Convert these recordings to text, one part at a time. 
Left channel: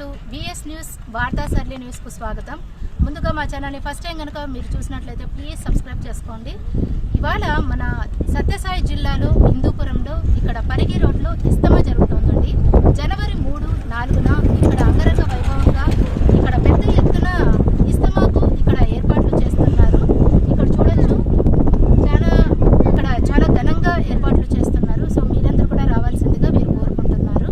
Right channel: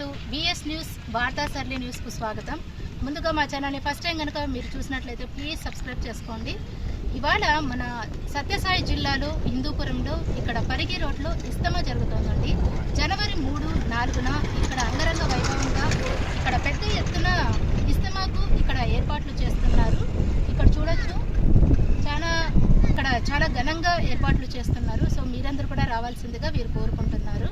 To VS news వార్తా సర్లీ న్యూస్కు స్వాగతం. ముందుగా మా ఛానల్ని ఫస్ట్ టైం కనుక మీరు చూసినట్లయితే ప్లీజ్ సబ్స్క్రైబ్ చేసుకోండి. ఇవాళ మన సత్యసాయి జిల్లాలో హిందూపురంలో ఇక్కడ పరిగి రోడ్లో ఇస్తమా జరుగుతుందండి. జనవరి 3, 4న ఇక్కడ అంగరంగ వైభవంగా ఇక్కడ పెద్ద ఎత్తున ఇస్తమాకు ఇక్కడ ఏర్పాట్లు చేస్తున్నారు. ఇక్కడ చూడొచ్చు చాలా ఘనంగా ఏర్పాట్లు చేస్తున్నారు. సో మీరందరూ కూడా రావాల్సిందిగా వీరు కోరుకుంటున్నారు.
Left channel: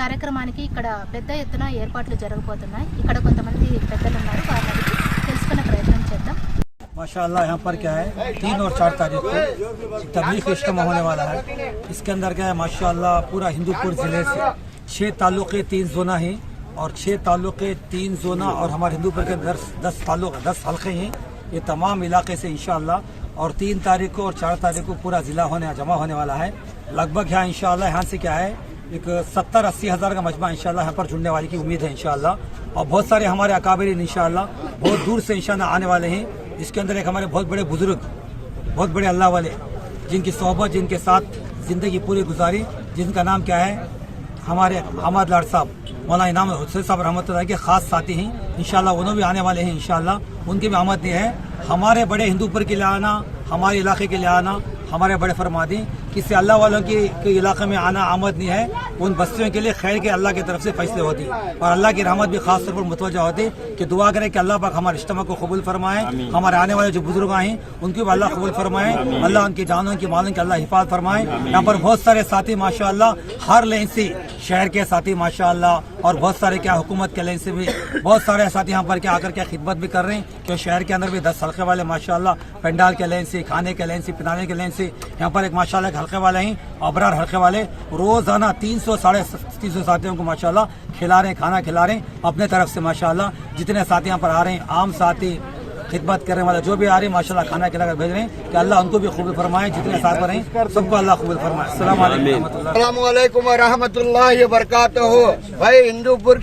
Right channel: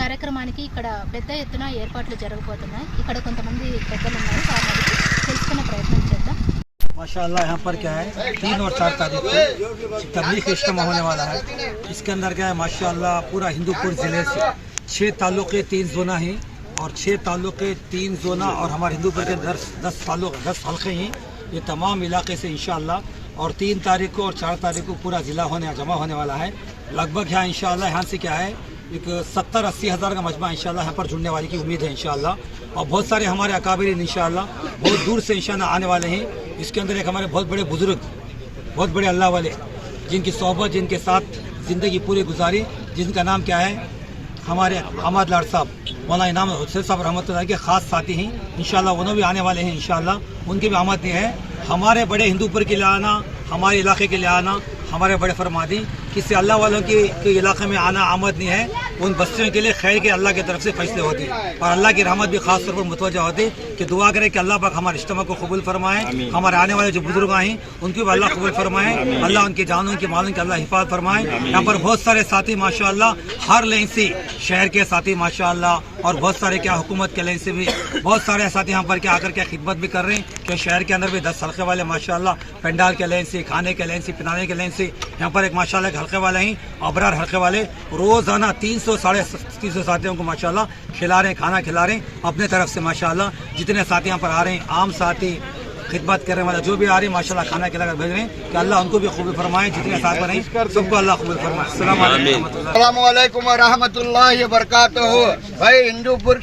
కార్యక్రమానికి ఇక్కడ పెద్ద ఎత్తున ఏర్పాట్లు జరగబోతున్నాయి. ఇక్కడ కొంతమంది పెద్దలు ఉన్నారు, వారిని అడిగి తెలుసుకునే ప్రయత్నం చేద్దాం. माशाअल्लाह यहाँ पर क्या है 3 और 4 तारीख को तबलीग इज्तिमा होने वाला है. इसके अंदर क्या है माशाअल्लाह पूरा हिंदूपुर ज़िले से 6 तालुके 3 जोना हैं और 6 तालुके 3 जोना और हमारे हिंदूपुर के 10 हल्के हैं. ये तमाम इलाके से इंशाअल्लाह और 3 तारीख को और 4 तारीख को पूरा ज़िला जमा होने वाला है. लगभग यहाँ इंशाअल्लाह यहाँ से क्या है एक 70-80 हज़ार का मजमा इंशाअल्लाह यहाँ पर जुड़ने वाले की उम्मीद है इंशाअल्लाह. और बहुत सारे हमारे अकाबिरीन इंशाअल्लाह बहुत दूर से इंशाअल्लाह आने वाले हैं. इसके अंदर एक हमारे बहुत बड़े बुजुर्ग, बहुत बड़े अल्लाह वाले, जिनकी सोहबत, जिनके साथ ज़िंदगी पूरी गुजारी, जिनका नाम क्या है हमारे अहमद लाड साहब, मौलाना इनाम हुसैन साहब रहमतुल्लाह के ख़ास साथी हैं इंशाअल्लाह. उन्होंने भी आने वाले हैं इंशाअल्लाह. उनकी भी आमद नहीं है. हमारे बड़े हिंदूपुर के लिए आना, हमारे इलाके के लिए आना, हमारे बड़े फरमादी किसी अल्लाह वालों के इलाके में आना आमद नहीं है. उन बस्तियों के लिए खैर के अल्लाह की तरफ से फैसले होती है और अल्लाह की रहमत भी खास तौर पर मुतवज्जा होती कि दुआ करें कि अल्लाह पाक हमारे इज्तिमा को कबूल फरमाए. हमारे आने वाले जो बुजुर्ग हैं उनकी भी अल्लाह कबूल फरमाए. अल्लाह उनकी जानों की मालों की अल्लाह हिफाजत फरमाए. यहाँ पर बहुत सारे साथी माशाअल्लाह हर लाइन से शहर के साथी माशाअल्लाह और बहुत सारे क्या हुकूमत के लाइन से भी बहुत सारे साथी यहाँ पर क्या आकर क्या खिदमत भी कर रहे हैं. कि शहर के अंदर भी 10 हल्के वाले माशाअल्लाह पंडाल के लाइन से, खाने के लाइन से, पिलाने के लाइन से यहाँ पर एक माशाअल्लाह एक हल्के वाले हैं अबरार हल्के वाले रोजाना 300-350 साथियों को माशाअल्लाह खिला रहे हैं, खाना खिला रहे हैं अपने तरफ से माशाअल्लाह. जितने साथी यहाँ पर आ रहे हैं आम साथी, खिदमत करने वाले जो भी आ रहे हैं माशाअल्लाह खाना खिला कर भेज रहे हैं कि अल्लाह उनको भी कबूल फरमाए. जितने साथ पर हैं सबको अल्लाह कबूल फरमाए. अस्सलाम वालेकुम व रहमतुल्लाहि व बरकातहू. भाई हिंदूपुर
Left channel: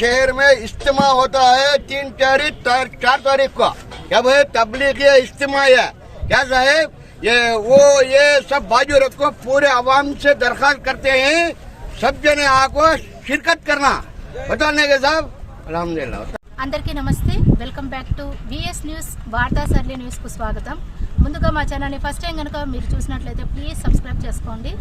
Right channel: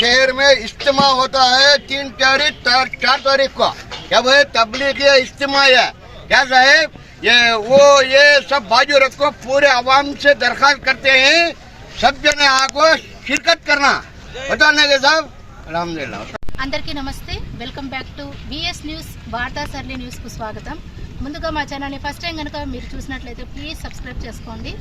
शहर में इज्तिमा होता है 3 तारीख 4 तारीख को. क्या भाई तबलीग इज्तिमा है क्या साहेब? ये सब बाजू रखो. पूरे आवाम से दरख्वास्त करते हैं सब जने आको शिरकत करना बताने के साहब. अल्हम्दुलिल्लाह. అందరికీ నమస్తే. Welcome back to VS news వార్తా సర్లీ న్యూస్కు స్వాగతం. ముందుగా మా ఛానల్ని ఫస్ట్ టైం కనుక మీరు చూసినట్లయితే ప్లీజ్ సబ్స్క్రైబ్ చేసుకోండి.